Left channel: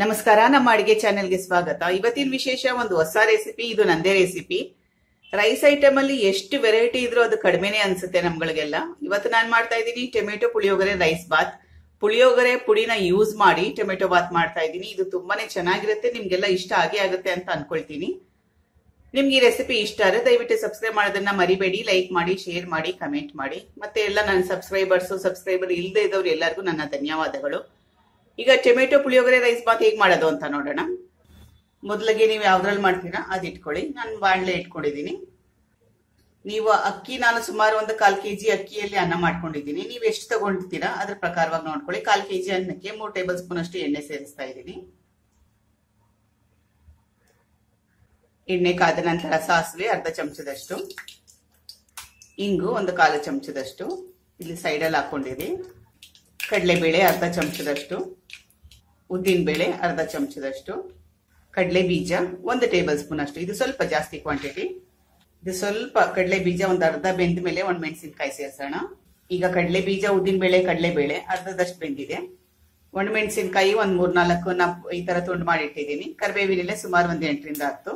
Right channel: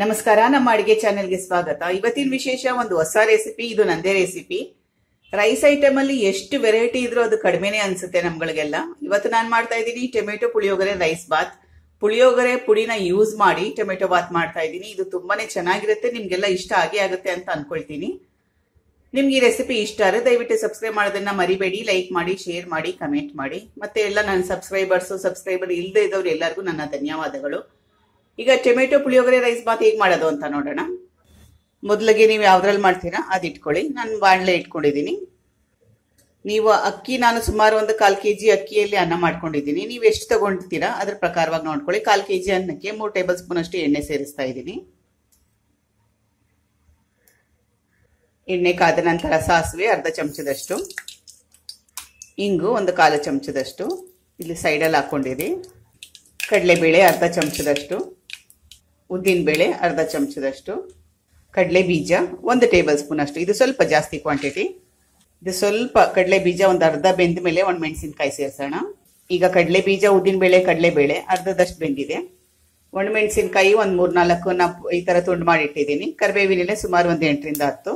ನಮಸ್ಕಾರ, ನಮ್ಮ ಅಡಿಗೆ ಚಾನೆಲ್ಗೆ ಸ್ವಾಗತ. ಇವತ್ತಿನ ವಿಶೇಷ ಒಂದು ಹೊಸ ರೆಸಿಪಿ. ಇದು ನಂದೇ ರೆಸಿಪಿ. ರೈಸ್ ಐಟಮ್ ಅಲ್ಲಿ ಎಷ್ಟು ವೆರೈಟಿ ಇದ್ರೂ ಅದು ಕಡಿಮೆನೆ ಅನ್ಸುತ್ತೆ ನಮ್ಗಳಿಗೆಲ್ಲ. ಇವತ್ತು ನಾನು ಮಾಡ್ತಾ ಇದ್ದೀನಿ ಟೊಮೆಟೊ ಪುಳಿಯೋಗರೆ ರೈಸ್ ಬಾತ್. ಪುಳಿಯೋಗರೆ ಪುಡಿನ ಯೂಸ್ ಮಾಡಿ ಟೊಮೆಟೊ ಬಾತ್ ಮಾಡ್ತಾ ಇದ್ದೀನಿ. ಇದು ತುಂಬಾನೇ ಚೆನ್ನಾಗಿರುತ್ತೆ, ನಿಮ್ಗೆಲ್ಲ ಇಷ್ಟ ಆಗೇ ಆಗುತ್ತೆ ಅಂತ ಅನ್ಕೊಳ್ತೀನಿ. ನಿಮ್ಗೆ ಈ ರೆಸಿಪಿ ಇಷ್ಟ ಆದರೆ ದಯವಿಟ್ಟು ಸಬ್ಸ್ಕ್ರೈಬ್ ಮಾಡೋದನ್ನ ಮರಿಬೇಡಿ. ಲೈಕ್ ಮಾಡಿ, ಶೇರ್ ಮಾಡಿ, ಕಮೆಂಟ್ ಮಾಡಿ. ಮತ್ತೆ ಎಲ್ಲ ನನ್ನ ಸಬ್ಸ್ಕ್ರೈಬರ್ ಇಲ್ಲದೆ ಇದ್ದವ್ರು ಎಲ್ಲರಿಗೂ ನನ್ನ ಧನ್ಯವಾದಗಳು. ಈಗ ಟೊಮೆಟೊ ಪುಳಿಯೋಗರೆ ರೈಸ್ ಬಾತ್ ಹೇಗೆ ಮಾಡೋದು ಅಂತ ನೋಡೋಣ. ಮೊದಲಿಗೆ ನೀವು ಯಾವ್ದ್ರಲ್ಲಿ ಮಾಡ್ತೀರಾ ಅದು ಇಟ್ಕೊಳ್ಳಿ. ನಾನು ಬಾಣಲೆ ಇಟ್ಕೊಂಡಿದ್ದೀನಿ. ನೀವು ಅಕ್ಕಿ, ನಾನು ಸುಮಾರು ಒಂದು 1/4 kg ಅಕ್ಕಿಯಲ್ಲಿ ಅನ್ನ ಮಾಡ್ಕೊಂಡಿದ್ದೀನಿ. ನೀವು ಎಷ್ಟು ತಗೊಂಡಿರ್ತೀರಾ ಅದ್ರ ಪ್ರಕಾರವಾಗಿ ನೋಡ್ಕೊಳ್ಳಿ. 1/4 kg ಅನ್ನಕ್ಕೆ 3 ಟೇಬಲ್ ಸ್ಪೂನ್ ಅಷ್ಟು ಎಣ್ಣೆ ಸೇರಿಸ್ತಾ ಇದ್ದೀನಿ. ಎಣ್ಣೆ ಕಾದ ನಂತರ ಸಾಸಿವೆ ಅರ್ಧ ಚಮಚದಷ್ಟು, ಇಂಗು ಒಂದು 1/4 ಚಮಚದಷ್ಟು ಇಲ್ಲಿ ಸೈಡಲ್ಲಿ ಹಾಕೊಂಡಿರಿ. ಕಡಲೆಬೇಳೆ ಅರ್ಧ ಚಮಚದಷ್ಟು, ಉದ್ದಿನಬೇಳೆ ಅರ್ಧ ಚಮಚದಷ್ಟು, ಕಡಲೆ ಬೀಜ 1 ಟೇಬಲ್ ಸ್ಪೂನ್ ಅಷ್ಟು. ಇದು ಸ್ವಲ್ಪ ಜಾಸ್ತಿ ಕ್ವಾಂಟಿಟಿ. ಇದು ಸ್ವಲ್ಪ ಕಡಲೆ ಬೀಜ ಒಂದು ಅರ್ಧ ಬೆಂದ ಮೇಲೆ ಒಣಮೆಣಸಿನಕಾಯಿ ಸೇರಿಸೋಣ. ಈಗ ಕಡಲೆ ಬೀಜ, ಉದ್ದಿನಬೇಳೆ, ಕಡಲೆಬೇಳೆ ಅರ್ಧದಷ್ಟು ಬೆಂದಿದೆ. ಒಣಮೆಣಸಿನಕಾಯಿ ಒಂದು 3-4 ಈ ತರ ತುಂಡು ಮಾಡಿ ಇಟ್ಟಿದ್ದೀನಿ. ಕರಿಬೇವಿನೆಲೆ ಸುಮಾರು ಒಂದು 8 ರಿಂದ 10.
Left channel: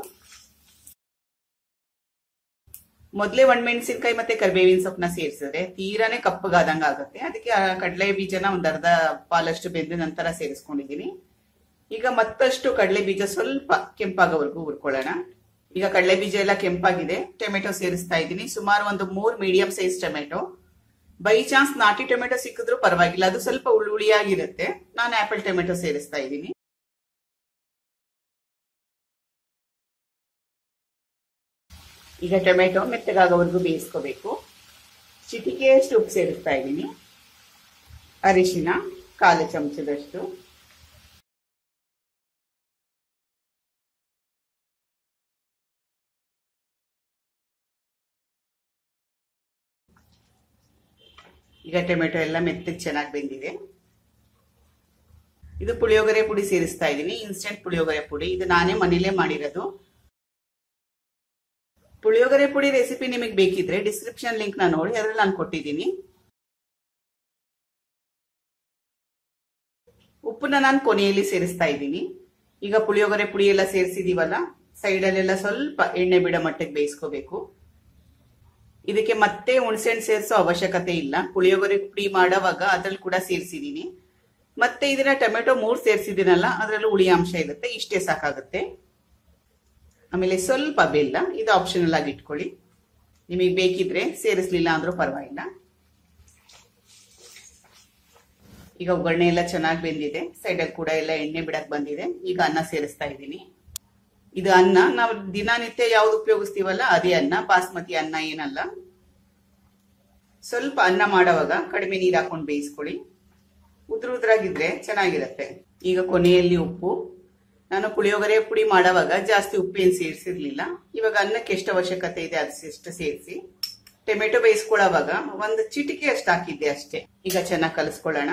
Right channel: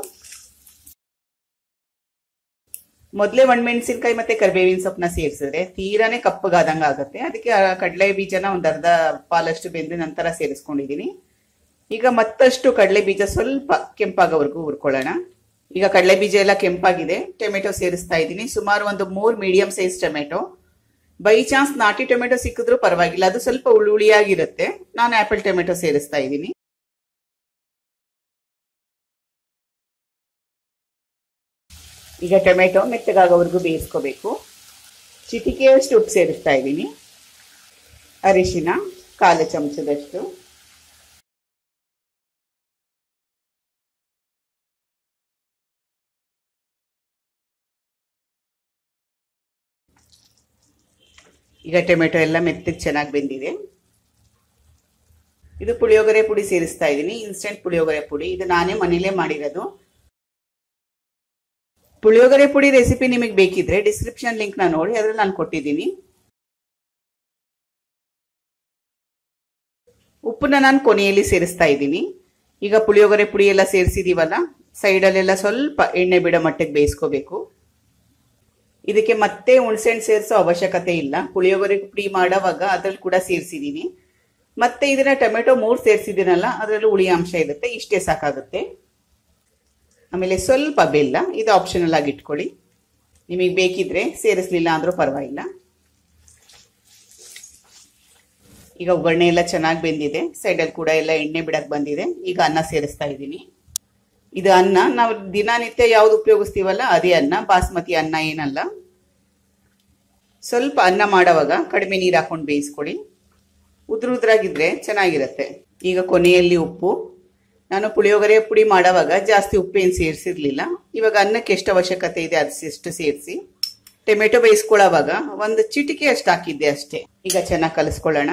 ಮೊದಲೇ ಒಣಮೆಣಸಿನಕಾಯಿ ಮತ್ತೆ ಕರಿಬೇವಿನ ಸೊಪ್ಪನ್ನ ಸೇರಿಸಿದ್ರೆ ತೀರಾನೇ ಕಪ್ಪಗಾದಂಗ ಆಗುತ್ತೆ. ಅದಕ್ಕೆ ಕಡಲೆ ಬೀಜನ ಒಂದು ಅರ್ಧ ಪಾಲಷ್ಟು ಬೆಂದ ನಂತರ ಸೇರಿಸ್ಕೊಂಡಿದ್ದೀನಿ. ಈಗ ಮತ್ತಷ್ಟು ಕಡಲೆ ಬೀಜ ಸ್ವಲ್ಪ ಕೆಂಪಾಗೋವರೆಗೂ ಹುರ್ಕೊಳ್ಳೋಣ. ಈಗ ಕಡಲೆ ಬೀಜ ಎಲ್ಲ ಕೆಂಪಾಗಿದೆ. ಟೊಮೆಟೊ ಸೇರಿಸ್ತಾ ಇದ್ದೀನಿ. ಸುಮಾರು ಒಂದು 3 medium size tomato. By chance ನಾಟಿ ಟೊಮೆಟೊ ಸಿಕ್ಕಿದ್ರೂ ಪರವಾಗಿಲ್ಲ, ಅದು ಸ್ವಲ್ಪ ಹುಳಿಯಾಗಿರುತ್ತೆ. ನಾನು ಆಪಲ್ ಟೊಮೆಟೊ ಸೇರಿಸ್ತಾ ಇದ್ದೀನಿ. ಈಗ ಟೊಮೆಟೊ ಮೆತ್ತಗಾಗೋವರೆಗೂ ಬೇಯಿಸ್ಕೋಬೇಕು. ಚಿಟಿಕೆಯಷ್ಟು ಉಪ್ಪು ಸೇರಿಸ್ತಾ ಇದ್ದೀನಿ. ಅರಿಶಿನ 1/4 ಚಮಚದಷ್ಟು, ಈಗ ಟೊಮೆಟೊ ಎಲ್ಲ ಮೆತ್ತಗೆ ಚೆನ್ನಾಗಿ ಬೆಂದಿದೆ. ಇದು ಪುಳಿಯೋಗರೆ ಪುಡಿ ಸೇರಿಸ್ತಾ ಇದ್ದೀನಿ. ಇನ್ಸ್ಟೆಂಟ್ ಪುಳಿಯೋಗರೆ ಪುಡಿ. ಇದು ನಾನೇ ಮನೇಲೇ ಮಾಡಿರೋದು. ಪುಳಿಯೋಗರೆ ಪುಡಿ ರೆಸಿಪಿ ನಿಮಗೆ ಬೇಕಿದ್ರೆ ಡಿಸ್ಕ್ರಿಪ್ಷನ್ ಲಿಂಕ್ ನ ನೋಡಿ, ಅದ್ರಲ್ಲಿ ನಾನು ಕೊಟ್ಟಿದ್ದೀನಿ. ಉಪ್ಪನ್ನ ನಾನು ಕೊನೆಯಲ್ಲಿ ಸೇರಿಸ್ತಾ ಇದ್ದೀನಿ. ಈಗ ಪುಳಿಯೋಗರೆ ಪುಡಿ ಎಲ್ಲ ಸೇರಿಸಿದೀವಲ್ಲ, ಸೈಡಲ್ಲೆಲ್ಲ ಸ್ವಲ್ಪ ಎಣ್ಣೆ ಬಿಡೋ ಮಟ್ಟಿಗೆ ಬೇಯಿಸ್ಕೋಬೇಕು. ಇದಕ್ಕೆ ಮತ್ತೆ ಹುಣಸೆಹಣ್ಣು ಸೇರಿಸೋ ಅವಶ್ಯಕತೆ ಇಲ್ಲ. ಪುಳಿಯೋಗರೆ ಪುಡಿ ಮಾಡೋವಾಗ ಅದ್ರಲ್ಲಿ ಕೂಡ ಸೇರಿಸಿದೀನಿ. ಮತ್ತೆ ಇದನ್ನ ಟೊಮೆಟೊ 3 ಸೇರಿಸಿದ್ದೀನಲ್ಲ, ಅದರಲ್ಲೂ ಹುಳಿ ಅಂಶ ಇರುತ್ತೆ. ಇಷ್ಟೇ ಸಾಕಾಗುತ್ತೆ. ಆಮೇಲೆ ಸ್ವಲ್ಪ ಬೆಲ್ಲ, ಇದು ಆಪ್ಷನಲ್ ಆಗಿ ಇಟ್ಕೊಳ್ಳಿ. ನಿಮಗೆ ಬೇಕಿದ್ರೆ ಸೇರಿಸಲಿಲ್ಲ ಅಂದ್ರೂ ಪರವಾಗಿಲ್ಲ. ಈಗ ಒಗ್ಗರಣೆ ಎಲ್ಲ ಚೆನ್ನಾಗಿ ಬೆಂದಿದೆ. ಸೈಡಲ್ಲಿ ಕೂಡ ಎಲ್ಲ ಎಣ್ಣೆ ಬಿಡಕ್ ಬಂದಿದೆ. ಈಗ ಅನ್ನ ಸೇರಿಸ್ತಾ ಇದ್ದೀನಿ. ಇದು ಅನ್ನ ನಾವು ದಿನನಿತ್ಯ ಯಾವ್ದು ಉಪಯೋಗಿಸ್ತೀವಲ್ಲ ಅದೇ ಅನ್ನ, ಬಾಸ್ಮತಿ ಅನ್ನ ಏನಲ್ಲ. ಸ್ವಲ್ಪ ಅನ್ನ ಮಾಡೋವಾಗ ಕಡಿಮೆ ನೀರು ಹಾಕೊಂಡು ಬೇಯಿಸ್ಕೊಳ್ಳಿ. ಉದ್ರಾಗಿದ್ರೆ ಚೆನ್ನಾಗಿರುತ್ತೆ. ಈಗ ಕೊನೆಯಲ್ಲಿ ಉಪ್ಪು. ನಾನು ಪುಳಿಯೋಗರೆ ಪುಡಿ ಮಾಡೋವಾಗ ಜಾಸ್ತಿ ಉಪ್ಪೇನು ಸೇರಿಸಿರ್ಲಿಲ್ಲ. ಇವಾಗ ಅನ್ನಕ್ಕೆ ಎಷ್ಟು ಅವಶ್ಯಕತೆ ಇದೆ ಅದಷ್ಟು ಸೇರಿಸಿ. ಟೊಮೆಟೊ ಬೇಯಿಸ್ಕೊಳ್ಳೋವಾಗ ಒಂದು ಚಿಟಿಕೆ ಅಷ್ಟು ಹಾಕಿದ್ದೆ ಅಷ್ಟೇ. ಈಗ ಚೆನ್ನಾಗಿ ಕಲಿಸ್ಕೊಳ್ಳೋಣ.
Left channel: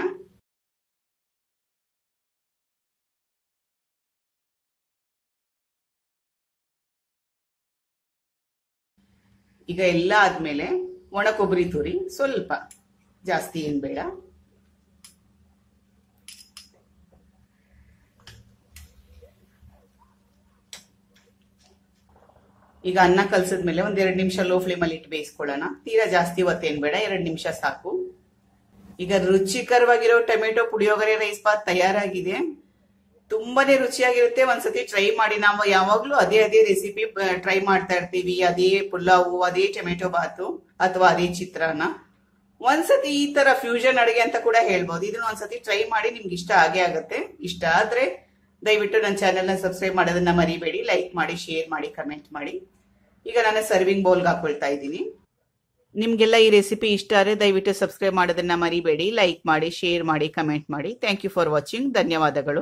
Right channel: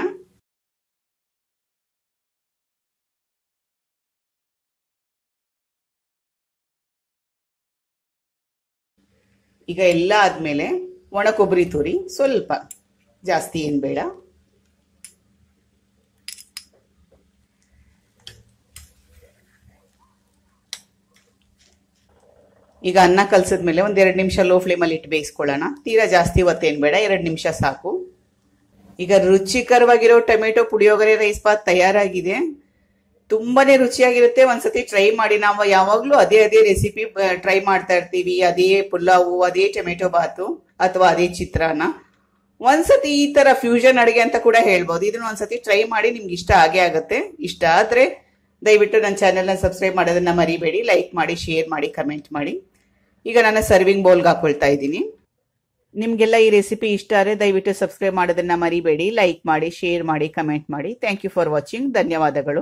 ಈಗ ಎಲ್ಲ ಆದ್ಮೇಲೆ ಒಣ ಕೊಬ್ಬರಿ ತುರಿ ಸ್ವಲ್ಪ, ಜಾಸ್ತಿ ಏನ್ ಬೇಡ. ಈಗ ಅನ್ನ ಕಲ್ಸಿದ್ಮೇಲೆ ಒಂದ್ 2 ನಿಮಿಷ ಲೋ ಫ್ಲೇಮಲ್ಲಿ ಇಟ್ಟು ಬೇಯಿಸ್ಕೊಳ್ಳೋಣ. ತೀರಾ ಜಾಸ್ತಿ ಹೊತ್ತೇನ್ ಬೇಡ, 2 ನಿಮಿಷ ಸಾಕು. ಈಗ ರುಚಿಕರವಾಗಿರೋ ಟೊಮೆಟೊ ಪುಳಿಯೋಗರೆ ರೈಸ್ ಬಾತ್ ತಯಾರಾಗಿದೆ. ತುಂಬಾನೇ ರುಚಿಯಾಗಿರುತ್ತೆ. ಒಂದ್ಸತಿ ಟ್ರೈ ಮಾಡಿ. ನಾವು ಯಾವಾಗ್ಲೂ ಅದೇ ರೆಸಿಪಿ ಟ್ರೈ ಮಾಡ್ತಾ ಇರ್ತೀವಿ. ಅದೇ ಪುಲಾವು, ಅದೇ ಟೊಮೆಟೊ ಬಾತು ಅಥವಾ ಅದೇ ಚಿತ್ರಾನ್ನ. ಒಂದ್ಸತಿ ಈ ತರ ಫ್ಯೂಷನ್ ಅಡುಗೆ ಅಂತ ಕೂಡ ಹೇಳ್ಬೋದು. ಇದನ್ನ ಒಂದ್ಸತಿ ಟ್ರೈ ಮಾಡಿ, ನಿಮ್ಗೆ ಇಷ್ಟ ಆಗೇ ಆಗುತ್ತೆ. ಇಷ್ಟ ಆದ್ರೆ ದಯವಿಟ್ಟು ನನ್ನ ಚಾನೆಲ್ನ ಸಬ್ಸ್ಕ್ರೈಬ್ ಮಾಡೋದನ್ನ ಮರಿಬೇಡಿ. ಲೈಕ್ ಮಾಡಿ, ಶೇರ್ ಮಾಡಿ, ಕಮೆಂಟ್ ಮಾಡಿ. ಈಗ ನಾನು ಸರ್ವಿಂಗ್ ಬೌಲ್ಗೆ ಹಾಕೊಳ್ತಾ ಇದ್ದೀನಿ. ನಿಮ್ಗೆಲ್ಲ ಈ ರೆಸಿಪಿ ಇಷ್ಟ ಆದರೆ ದಯವಿಟ್ಟು ಸಬ್ಸ್ಕ್ರೈಬ್ ಮಾಡೋದನ್ನ ಮರಿಬೇಡಿ. ಲೈಕ್ ಮಾಡಿ, ಶೇರ್ ಮಾಡಿ, ಕಮೆಂಟ್ ಮಾಡಿ. Thank you for watching. ಧನ್ಯವಾದಗಳು.